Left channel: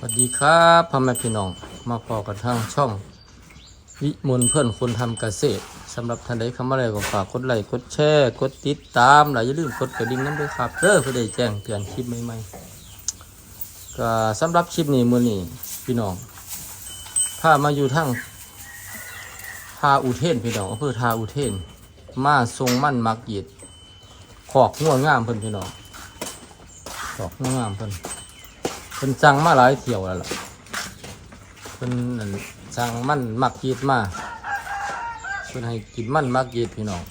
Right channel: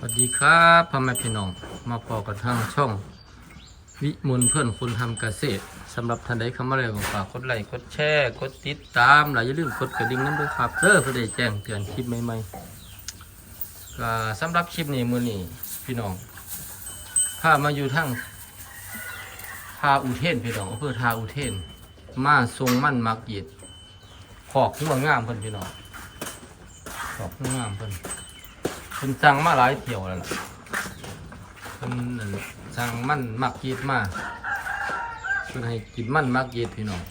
สวัสดีครับพ่อแม่พี่น้อง มาพอกันทางช่อง วิมลเพื่อนคนทำเกษตรสำหรับท่านใดเข้ามาแล้วก็ฝากกดไลค์กดแชร์กดติดตามและอย่าลืมกดกระดิ่งนั้นด้วยครับเด้อเพื่อได้แจ้งเตือนคลิปใหม่ๆก็สำหรับคลิปนี้มื้อนี้พี่น้องพามาอยู่ทางทาอุเทนพี่น้องอำเภอทาอุเทน มาทรงมั่นมักยิดขอกง่วงงามเพิ่นพี่น้องขอกง่วงงามเพิ่น เพิ่นสั่งมาหลายเที่ยวแล้วล่ะเพิ่นสั่งมันมักยีดมาเพิ่นให้กินมันมักยีดพี่น้อง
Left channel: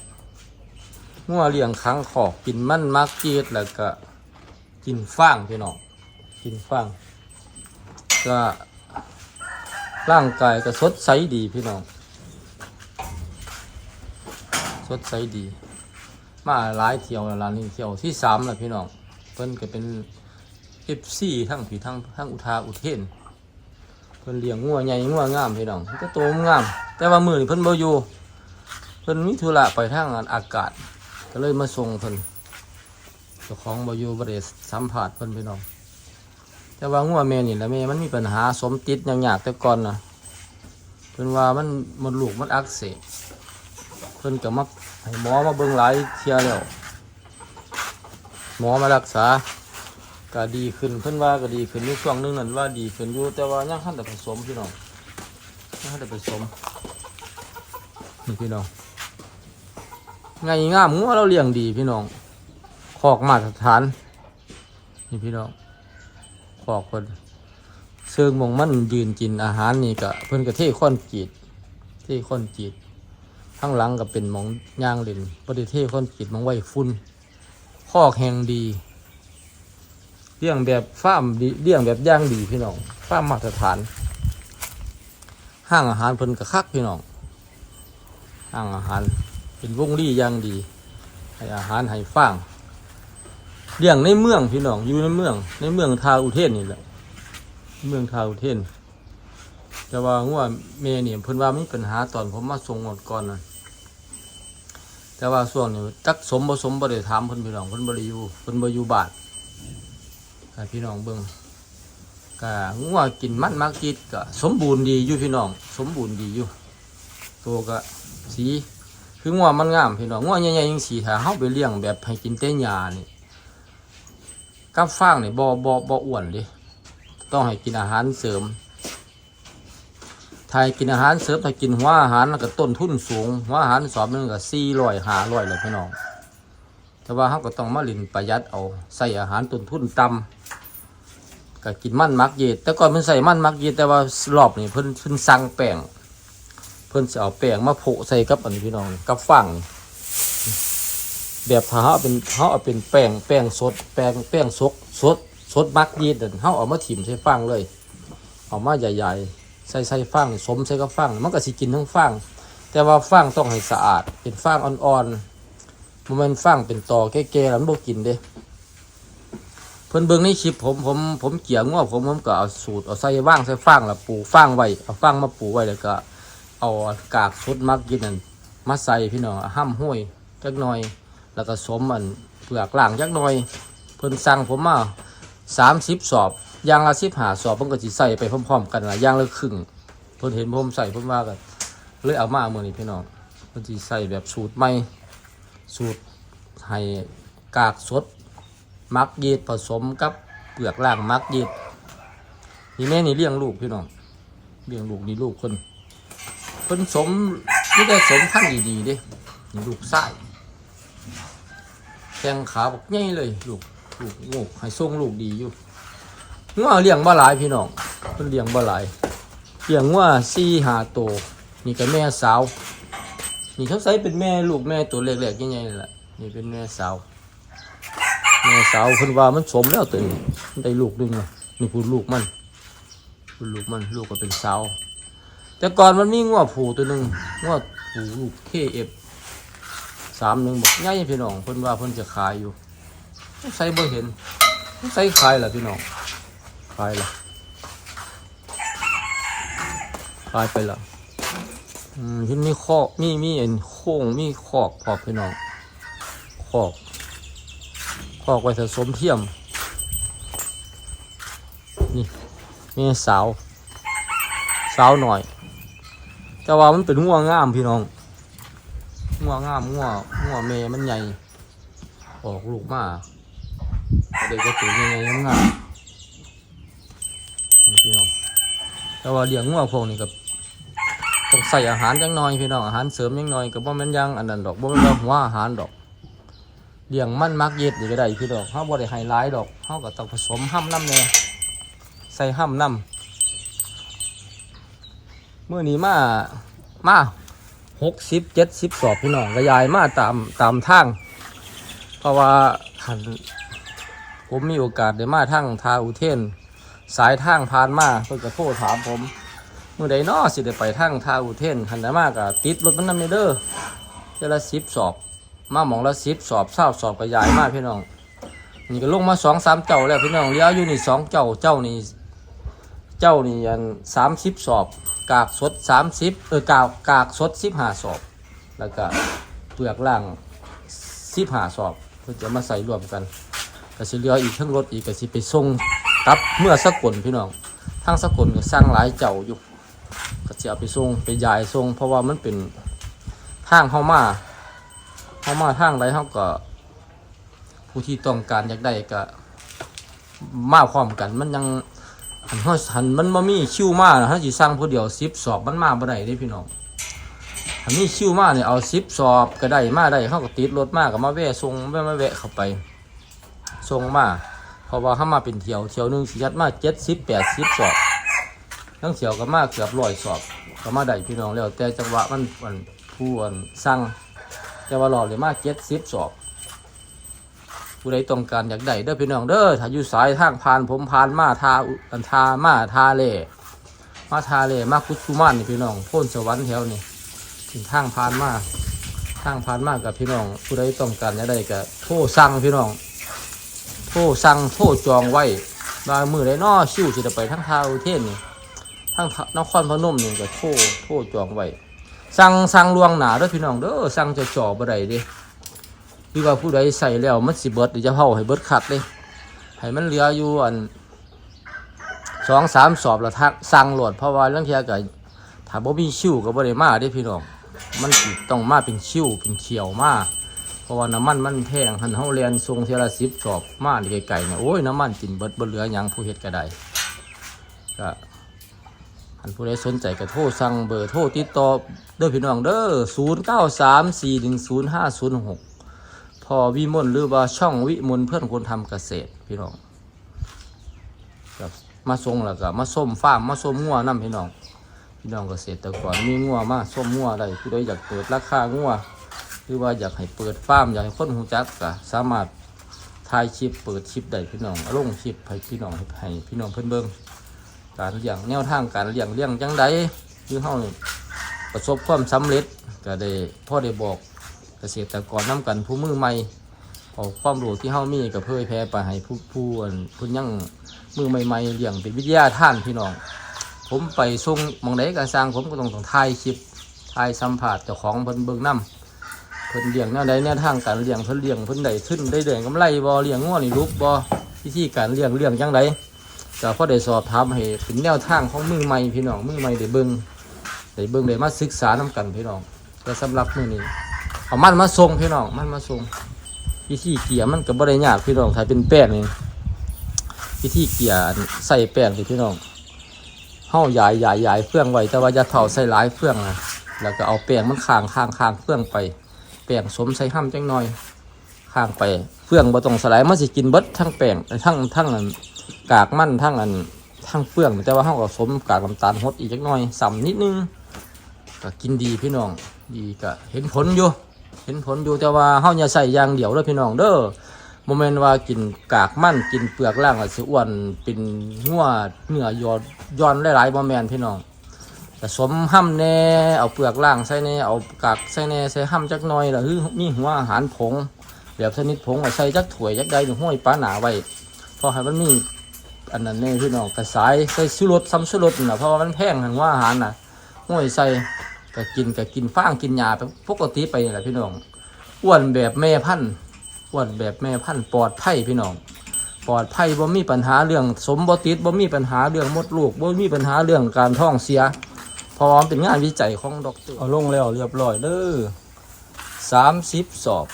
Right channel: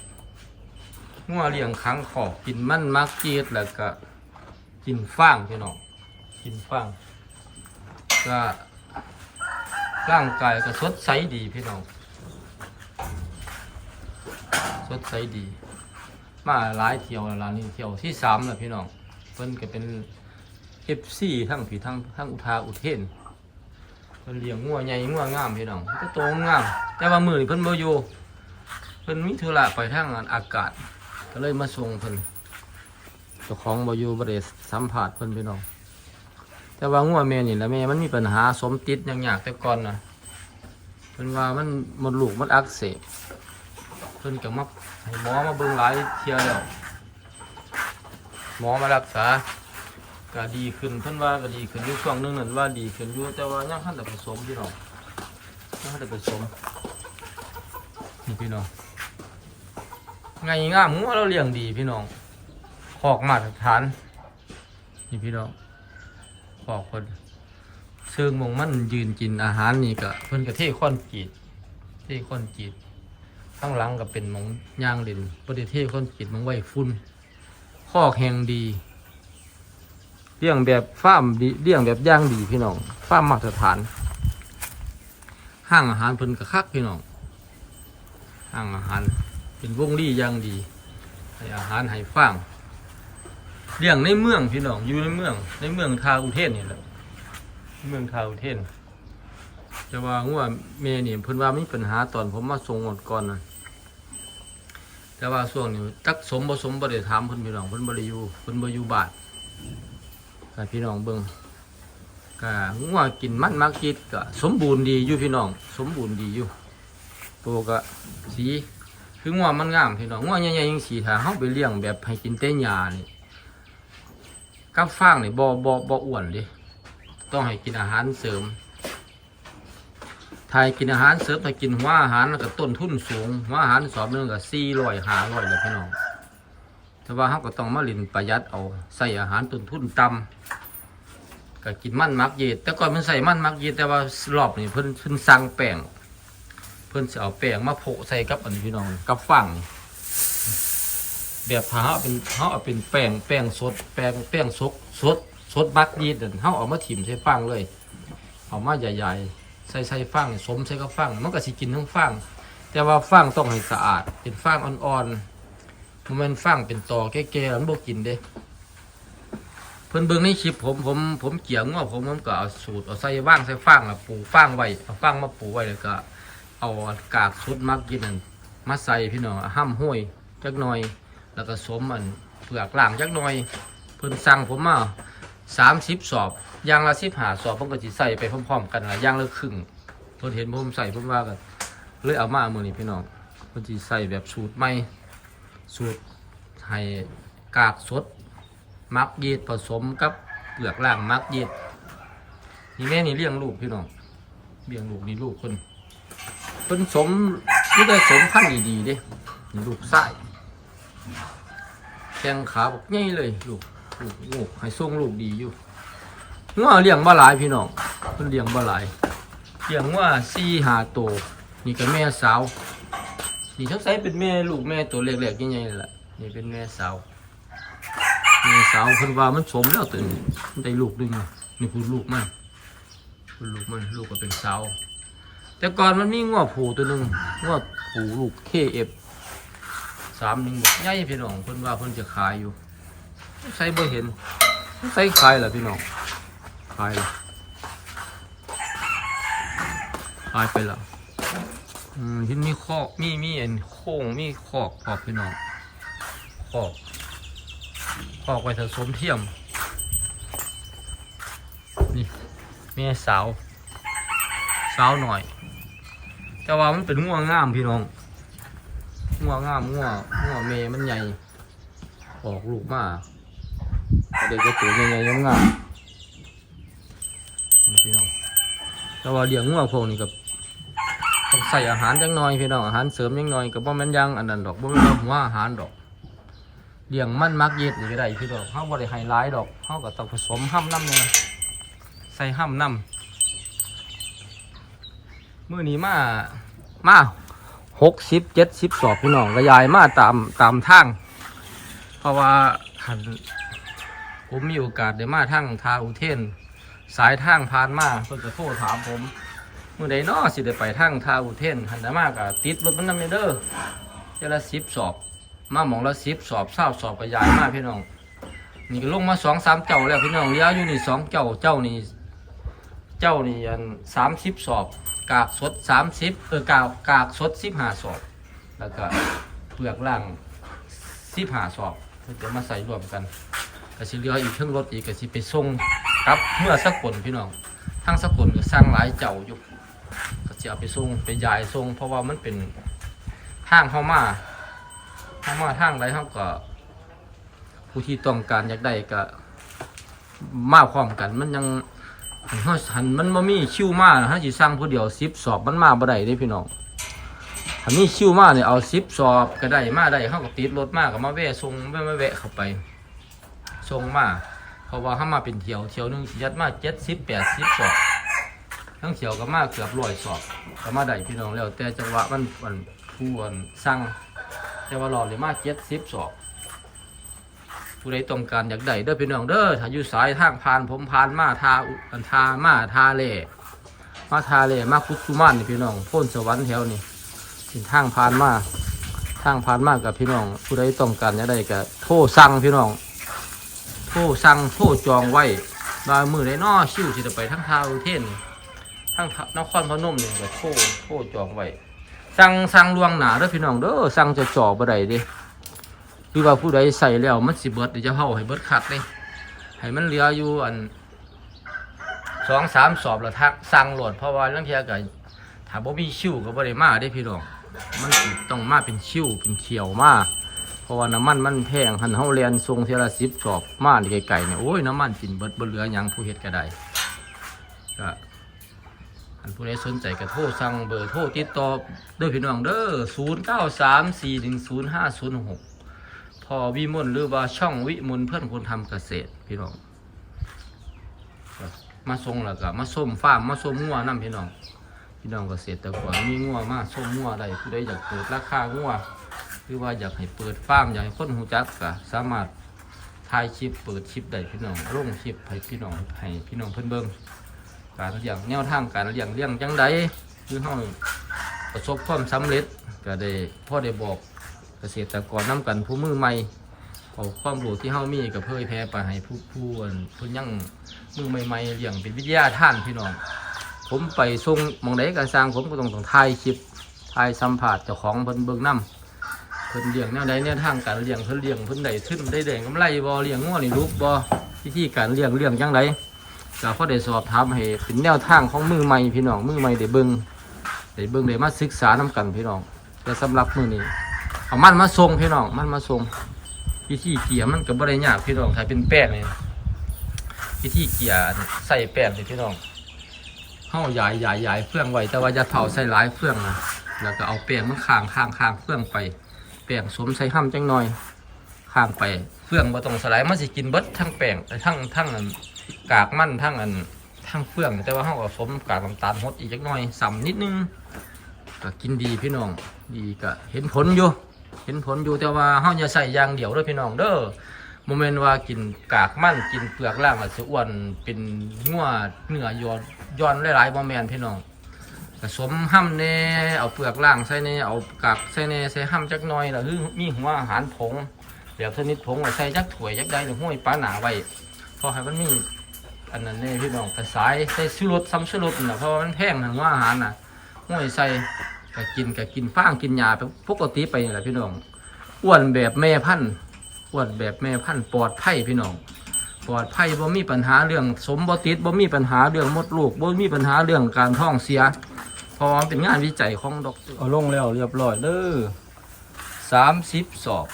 งัวเลี้ยงขังขอกกินมันมักยีดแล้วก็กินฟางพี่น้องกินฟางก็ร่างกายก็สดใสดีพี่น้อง สดใสดี มาหลายเที่ยวแล้วล่ะนี่เที่ยวที่สามแล้วพี่น้องเพิ่นก็เป็น เอฟซีทั้งผีทั้งทั้งอุทาอุเทนเพิ่นเลี้ยงงัวใหญ่งัวงามพี่น้องมันก็โตงาม แต่ว่ามือนี่เพิ่นบ่อยู่เพิ่นมีธุระไปทางอากาศ ก็เลยมาส่งเพิ่นเจ้าของบ่อยู่บ่ได้สัมผัสเพิ่นพี่น้อง แต่ว่างัวแม่นี่แหละแม่มันมีปัญหาสมติดอย่างยากแต่ก่อนน่ะเพิ่นว่ามันมดลูกมันอักเสบเพิ่นก็มาให้หมอมาเบิ่งหลายเที่ยแล้วหมอมารักษา ก็ดีขึ้นเพิ่นว่าก็ดีขึ้นอยู่ช่วงหนึงนั่นว่าดีขึ้นอยู่แต่ว่ายังทันได้ผสมพี่น้องยังทันได้ผสมนี่พี่น้องไงงามหัวเราเลี้ยงดีพี่น้องขอกมาตรฐานนี่พี่น้องขอกเพิ่นเชิงมงมันยืนกินอาหารนี่ก็เพิ่นก็เทค้อนจีดเทค้อนจีดข้างหลังก็เป็นหมองย่างเล่นบ่ได้เทค้อนจีดหมองไว้ฝุ่นคอกแห่งดี เลี้ยงแบบฟาร์มดีเลี้ยงแบบย่างดีพี่น้องฟาร์มมาตรฐาน ห้างอาหารเพิ่นกระคักพี่น้องห้างอาหารเป็นวงรีย่างดี ให้อาหารให้ฟางเลี้ยงในเมืองพี่น้องอยู่ในเมือง ในเมืองทาอุเทนนี่แหละเมืองทาอุเทนแต่ว่าหัวแม่นี่เพิ่นว่ามีปัญหาตอนผมมาส่งหมดก่อนนะแต่ว่าส่วงนี้จักสมบ่สมบ่ได้ถามเพิ่นพี่น้องเพิ่นบ่ได้อยู่เพิ่นบ่อยู่บ้าน พี่น้องเบิงก็งัวกินมันมักกิดก็สมบูรณ์ดีอยู่พี่น้อง สมบูรณ์ดีอยู่ ตัวก็สีคืองัวมันงามพี่น้องงัวใหญ่ๆยังสีถ้าเฮาไปเลี้ยงแบบให้กินแต่หญ้านี่กับฟางนี่บ่บ่บ่อ้วนดิต้องให้กินอาหารเสริมถ้าให้กินอาหารเสริมถ้ากินหัวอาหารมันก็ต้นทุนสูงหัวอาหารสอบนึงก็400 500เลยพี่น้อง แต่ว่าเขาก็ต้องมาลินประหยัดเอาใส่อาหารต้นทุนต่ำ ก็กินมันมักเย็ดแต่ก่อนเพิ่นใส่มันมักเย็ดแต่ว่ารอบนี้เพิ่นเพิ่นสั่งแป้งเพิ่นจะเอาแป้งมาโผใส่กับอันนี้พี่น้องกับฟังแบบเขาเป็นเขาเอาเป็นแป้งแป้งสดแป้งแป้งสดสดสดมักเย็ดนั่นเขาเอามาถิ่มใส่ฟังเลยเอามาใหญ่ๆใส่ใส่ฟังสมใส่กับฟังมันก็สิกินทั้งฟังแต่ว่าฟังต้องให้สะอาดเป็นฟังอ่อนๆมันฟังเป็นตอแก่ๆแล้วมันบ่กินเด้ เพิ่นเบิ่งในคลิปผมผมผมเกี่ยงว่าผมผมก็เอาสูตรเอาใส่ว่างใส่ฟางแล้วปลูกฟางไว้เอาฟางมาปลูกไว้แล้วก็ เอากากสุดมักกินนั่นมาใส่พี่น้องห้ำห้วยจักหน่อย แล้วก็สมอันเปลือกล่างจักหน่อย เพิ่นสั่งผมมาสามสิบสอบยางละสิบหาสอบเพิ่นก็สิใส่ไปพร้อมๆกันละยางละครึ่งเพิ่นเห็นผมใส่เพิ่นว่ากันเลยเอามาเมื่อนี้พี่น้องเพิ่นสิใส่แบบสูตรใหม่สูตรให้กากสด มักยีดผสมกับเปลือกล่างมักยีดนี่แม่นี่เลี้ยงลูกพี่น้องเลี้ยงลูกนี่ลูกคนคนสมนี่ได้สมพันธุ์ดีๆด้นี่ลูกไส้แข้งขาบอกง่ายเลยลูกลูกลูกให้ส่งลูกดีอยู่งัวเลี้ยงบ่หลายพี่น้องเพิ่นเลี้ยงบ่หลายเลี้ยงงัวสี่หาโตวนี่ก็แม่สาวนี่เขาใส่เป็นแม่ลูกแม่ตัวเล็กๆยังไงแหละนี่เป็นแม่สาว แม่สาวเพิ่นว่ามันสมแล้วตัวนี้มันได้ลูกหนึงนะนี่คือลูกมันคือลูกมันลูกก็เป็นสาวแต่ก่อนมันมีงัวผูตัวหนึ่งงัวผูลูกเคเอฟสามหนึ่งบอกใหญ่พี่น้องเพิ่นว่าเพิ่นจะขายอยู่ใส่บ่เห็นใส่ขายเหรอพี่น้องขายเหรอขายไปแล้วอืมที่มีคอกมีมีเอ็นโค้งมีคอกพอพี่น้องคอก กไว้ผสมเทียม นี่ มีสาว สาวหน่อย แต่ว่ามันเป็นงัวงงามพี่น้องงัวงงามงัวงัวงเมมันใหญ่ ออกลูกมาเด็กก็ตัวใหญ่ๆงามพี่น้องแต่ว่าเลี้ยงงัวพวกนี้กับต้องใส่อาหารจังหน่อยพี่น้องอาหารเสริมจังหน่อยกับบ่แม่นยังอันนั้นดอกบ่แม่นว่าหัวอาหารดอก เลี้ยงมันมักเย็ดอยู่ก็ได้พี่ดอกเฮาบ่ได้ให้หลายดอกเฮาก็ต้องผสมห้ำน้ำแน่ใส่ห้ำน้ำเมื้อนี้มามาหกสิบเจ็ดสิบสอบพี่น้องกระยายมาตามตามทางเพราะว่าหันผมมีโอกาสได้มาทางทาอุเทน สายทางผ่านมาเพิ่นก็โทรถามผมเมื่อใดน้อสิได้ไปทางทาอุเทนหันได้มากะติดรถมันนำเด้อเจละสิบสอบ มาหมองละสิบสอบเศร้าสอบกระยายมากพี่น้อง นี่ก็ลงมาสองสามเจ้าแล้วพี่น้องเลี้ยวอยู่นี่สองเจ้าเจ้านี่เจ้านี่อันสามสิบสอบ กากสดสามสิบเออกากกากสดสิบห้าสอบ แล้วก็เปลือกล่างสิบห้าสอบเพื่อจะมาใส่รวมกันก็สิเหลืออีกเครื่องรถอีกก็สิไปส่งครับเมื่อสักลพี่น้องทางสักลก็สร้างหลายเจ้าอยู่ก็จะเอาไปส่งไปยายส่งเพราะว่ามันเป็นทางเข้ามา เข้ามาทางใดเขาก็ ผู้ที่ต้องการอยากได้ก็ มาพร้อมกันมันยังหันหันมันมามีคิวมาถ้าสิสร้างผู้เดียวสิบสอบมันมาบ่ได้เด้พี่น้องถ้ามีคิวมาเนี่ยเอาสิบสอบก็ได้มาได้เขาก็ติดรถมาก็มาแวะส่งแวะมาแวะเข้าไปส่งมาเพราะว่าถ้ามาเป็นเที่ยวเที่ยวหนึงสิยัดมาเจ็ดสิบแปดสิบสอบทั้งเที่ยวก็มาเกือบร้อยสอบก็มาได้พี่น้องแล้วแต่จังหวะมันมันผู้อันสั่ง แต่ว่าหลอดเลยมาเจ็ดสิบสอบผู้ใดต้องการอยากได้เด้อพี่น้องเด้อถ้าอยู่สายทางผ่านผมผ่านมาทาอันทามาทาเล่มาทาเล่มาคุสุมานนี่พี่น้องพ้นสวรรค์แถวนี่เป็นทางผ่านมาทางผ่านมากับพี่น้อง ผู้ใดต้องการอยากได้ก็โทรสั่งพี่น้องโทรสั่งโทรจองไว้บางมือได้นอชิวสิจะไปทั้งทาวเทนทั้งนครพนมนี่ก็โทรโทรจองไว้ สั่งสั่งลวงหนาเด้อพี่น้องเด้อสั่งจะจ่อบ่ได้เด้หรือว่าผู้ใดใส่แล้วมันสิเบิดเดี๋ยวจะเผาให้เบิดคัดเลยให้มันเหลืออยู่อันสองสามสอบแล้วทักสั่งโหลดเพราะว่าเรื่องเทียก็ถ้าบ่มีชิวก็บ่ได้มาเด้พี่น้อง มันสิต้องมาเป็นชิวเป็นเขียวมาเพราะว่าน้ำมันมันแพงหันเฮาเรียนทรงเทละสิบสอบมาไก่ๆเนี่ยโอ้ยน้ำมันกินเบิดบ่เหลือหยังผู้เฮ็ดก็ได้ก็ นผู้ใดสนใจก็โทรสั่งเบอร์โทรติดต่อเด้อพี่น้องเด้อ0 9 3 4 1 0 5 0 6พอวิมลหรือว่าช่องวิมลเพื่อนคนทำเกษตรพี่น้องมาส่งแล้วก็มาส้มฟาร์มมาส้มงัวน้ำพี่น้องพี่น้องเกษตรกรมีงัวมาส้มงัวได้ผู้ใดอยากเปิดราคางัวหรือว่าอยากให้เปิดฟาร์มอยากให้คนหูจักก็สามารถถ่ายคลิปเปิดคลิปได้พี่น้องลงคลิปให้พี่น้องให้พี่น้องเพิ่อนเบิ่ง การเลี้ยงแนวทางการเลี้ยงเลี้ยงจังใดคือเฮาประสบความสำเร็จก็ได้พ่อได้บอกเกษตรกรนํกันผู้มือใหม่เอาความรู้ที่เฮามีก็เผยแพร่ไปให้ผู้ผู้อันผู้ยังมือใหม่ๆเลี้ยงเป็นวิทยาท่านพี่น้อง ผมไปส่งมองใดก็สร้างผมก็ต้องต้องถ่ายคลิปถ่ายสัมภาษณ์เจ้าของเพิ่นเบิ่งนํเพิ่นเลี้ยงแนวใดแนวทางการเลี้ยงเพิ่นเลี้ยงเพิ่นได้ขึ้นได้แดงกำไรบ่เลี้ยงงัวนี่ลูกบ่วิธีการเลี้ยงเลี้ยงจังได ก็พอได้สอบถามให้เป็นแนวทางของมือใหม่พี่น้องมือใหม่ได้เบิ่งได้เบิ่งได้มาศึกษานํกันพี่น้องแต่สำหรับมือนี้เอามันมาส่งพี่น้องมันมาส่งวิธีเกี่ยมันก็บ่ได้ยากพี่น้องถ้าเป็นแป้งนี่วิธีเกี่ยใส่แป้งสิพี่น้องเฮาหยายหยายหยายเฟื่องไว้แต่ว่าอย่าเท่าใส่หลายเฟื่องนะแล้วก็เอาแป้งมันข้างข้างข้างเฟื่องไปแป้งสมใส่ห้ำจังหน่อยข้างไปเฟื่องบ่ต้องสลายมันสิกินเบิดทั้งแป้งทั้งทั้งอัน กากมันทั้งอันทั้งเฟื่องแต่ว่าเฮาก็สมกากน้ำตาลฮดอีกจักหน่อยสัมนิดนึงก็กินดีพี่น้องดีก็เห็นผลอยู่เห็นผลอยู่แต่ว่าเฮาอย่าใส่ยางเดี่ยวเด้อพี่น้องเด้อโมเมนต์ว่ากินกากมันกินเปลือกล่างแล้วสิอ้วนเป็นงัวเนื้อยอดย้อนหลายๆบ่แม่นพี่น้องผสมห้ำแน่เอาเปลือกล่างใส่แน่เอากากใส่แน่ใส่ห้ำจักหน่อยแล้วคือมีหัวอาหารผงแบบชนิดผงมาใส่จักถ้วยจักใดหรือห้อยปลาหนาไว้เพราะให้มันมี อันนั้นนี่พี่น้องกระสายใส่ชูรสซ้ำชูรสนี่นะเพราะว่ามันแพงหันว่าอาหารน่ะห้อยใส่ก็กินก็กินฟางกินยาปปกติไปนี่แหละพี่น้องอ้วนแบบแม่พันธุ์อ้วนแบบแม่พันธุ์ปลอดภัยพี่น้องปลอดภัยบ่มีปัญหาเรื่องสมบ่ติดบ่มีปัญหาเรื่องมดลูกบ่มีปัญหาเรื่องการท้องเสียเพอมเป็นงานวิจัยของดอกเอรเอาลงแล้วเรียบร้อยเด้อสามสิบสอบ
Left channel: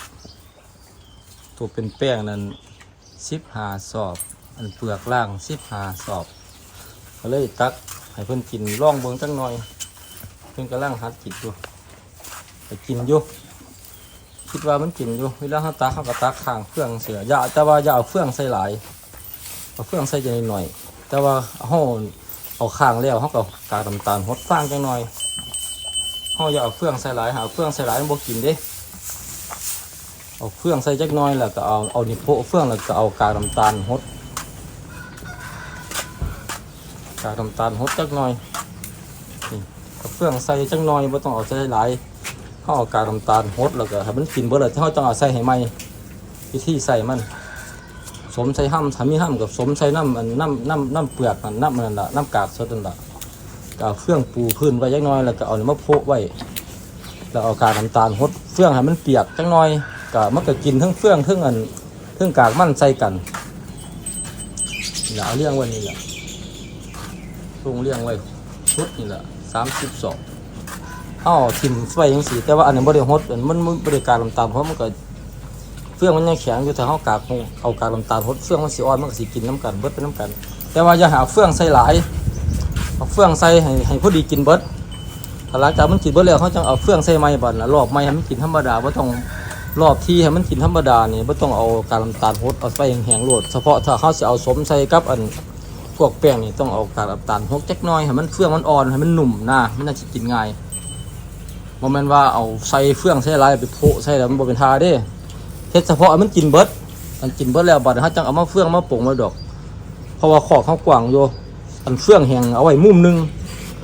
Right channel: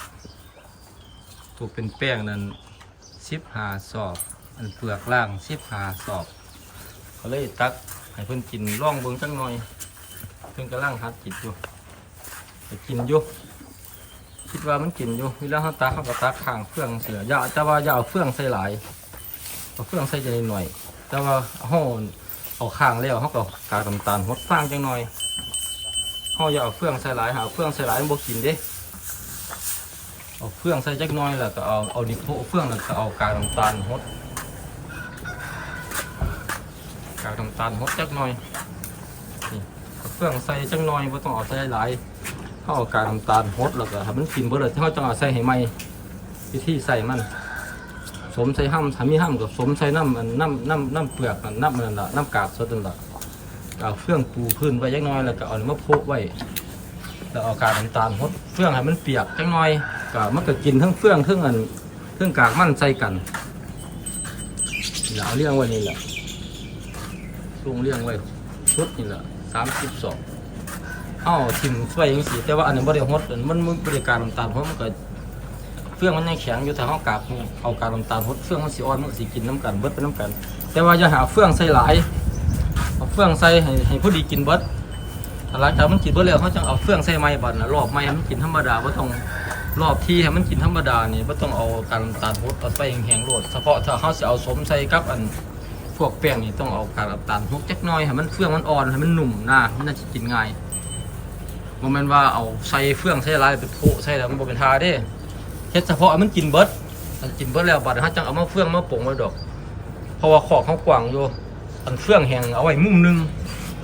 ตัวเป็นแป้งนั้นสิบหาสอบ อันเปลือกล่างสิบหาสอบก็เลยตักให้เพิ่นกินร่องเบิ่งสักหน่อย เพิ่นกำลังหัดติดอยู่ไปกินอยู่คิดว่ามันกินอยู่เวลาเขาตักเขาก็ตักข้างเฟืองเสืออย่าแต่ว่าอย่าเอาเฟืองใส่หลายเอาเฟืองใส่จังหน่อย แต่ว่าเขาเอาข้างแล้วเขาก็กากน้ำตาลหดฟางจังหน่อยเขาอย่าเอาเฟืองใส่หลายหาเฟืองใส่หลายมันบ่กินเด้เอาเฟืองใส่จักหน่อยแล้วก็เอาเอานิโพะเฟืองแล้วก็เอากากน้ำตาลหด กากน้ำตาลหดจักหน่อยนี่เอาเฟืองใส่จักหน่อยไม่ต้องเอาใส่หลายเขาเอากากน้ำตาลหดแล้วก็ให้มันกินเบ่เลยเขาต้องเอาใส่ให้ไหมวิธีใส่มัน สมใส่ห้ำถ้ามีห้ำกับสมใส่น้ำมันน้ำน้ำน้ำเปลือกมันน้ำมันนั่นละน้ำกากสดนั่นละเอาเฟื่องปูพื้นไว้ยักหน้อยแล้วก็เอามะโพะไว้แล้วเอากากน้ำตาลหดเฟื่องให้มันเปียกจักหน้อยก็มันก็กินทั้งเฟื่องทั้งอันทั้งกากมันใส่กันนี่ล่ะเอาเลี้ยงว้นี่แหละ ลุงเลี้ยงไว้ชุดนี่แหละสามสิบสองอ้าทิมไฟยังสีแต่ว่าอันนี้บริหดมันมันบริการลำตาลเพราะมันก็เฟื่องมันยังแข็งอยู่แต่เขากากเอาการลำตาลหดเฟื่องมันสีอ่อนมันก็สีกินน้ำกันเบิดเป็นน้ำกัน แต่ว่าอย่าหาเฟื่องใส่หลายเอาเฟื่องใส่ให้ให้พอดีกินเบิดแต่หลังจากมันกินเบิดแล้วเขาจะเอาเฟื่องใส่ไม้บัดนะรอบไม้ให้มันกินธรรมดาไม่ต้องรอบที่ให้มันกินธรรมดาเนี่ยไม่ต้องเอาการลำตาลหดเอาไฟแห้งๆโลดเฉพาะถ้าเขาจะเอาสมใส่กับอัน พวกแป้งนี่ต้องเอาการลำตาลหดจักน้อยให้มันเฟื่องมันอ่อนให้มันหนุ่มนะมันน่าจะกินง่ายโมเมนว่าเอาใส่เฟื่องใส่ลายไปโพะใส่แล้วมันบ่เป็นทาเด้เฮ็ดเฉพาะมันกินเบิดมันกินเบิดแล้วบัดนี้เขาจังเอามาเฟื่องมาปรุงมาดอก เพราะว่าขอบเขากว้างอยู่อันเฟื่องแห้งเอาไว้มุมหนึง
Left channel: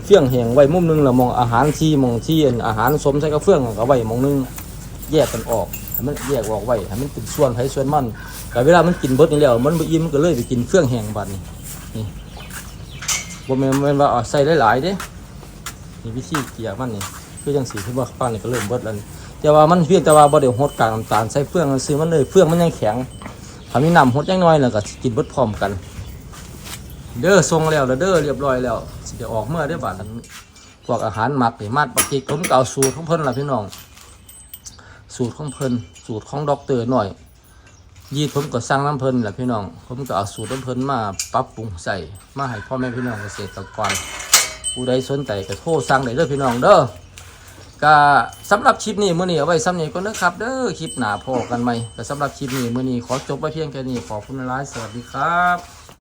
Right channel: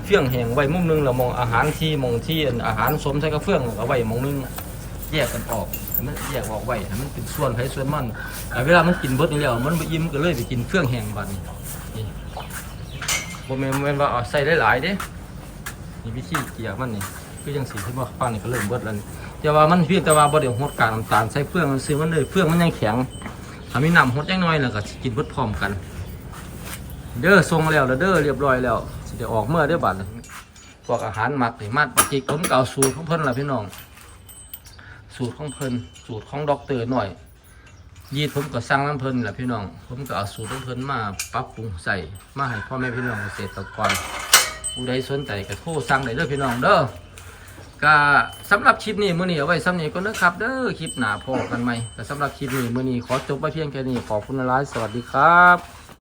เฟื่องแห้งไว้มุมหนึงแล้วมองอาหารที่มองที่อาหารสมใส่กับเฟื่องเอาไว้มุมหนึงแยกกันออกมันแยกออกไว้ให้มันเป็นส่วนไผส่วนมันแต่เวลามันกินเบิดนี่แล้วมันบ่อิ่มก็เลยไปกินเฟื่องแห้งบัดนี้ นี่บ่แม่นแม่นว่าเอาใส่หลายๆเด้นี่วิธีเกี่ยมันนี่คือยังสีที่ว่าป้านี่ก็เริ่มเบิดแล้วนี่แต่ว่ามันเพียงแต่ว่าบ่ได้หดกากน้ำตาลใส่เฟืองซื้อมันเลยเฟืองมันยังแข็งถ้ามีน้ำหดยังน้อยแล้วก็สิกินเบิดพร้อมกัน เด้อทรงแล้วแล้วเด้อเรียบร้อยแล้วสิได้ออกเมื่อได้บัดพวกอาหารหมักนี่มัดปฏิกผมก็เอาสูตรของเพิ่นล่ะพี่น้องสูตรของเพิ่นสูตรของด็อกเตอร์หน่อย ยีดผมก็สั่งน้ำเพิ่นแหละพี่น้อง ผมก็เอาสูตรน้ำเพิ่นมาปรับปรุงใส่มาให้พ่อแม่พี่น้องเกษตรกรผู้ใดสนใจก็โทรสั่งได้เด้อพี่น้องเด้อก็สำหรับคลิปนี้มื้อนี้เอาไว้ซ้ำนี้ก็นะครับ เด้อคลิปหนาพอกันไหมแต่สำหรับคลิปนี้มื้อนี้ขอจบไว้เพียงแค่นี้ขอบคุณหลายสวัสดีครับ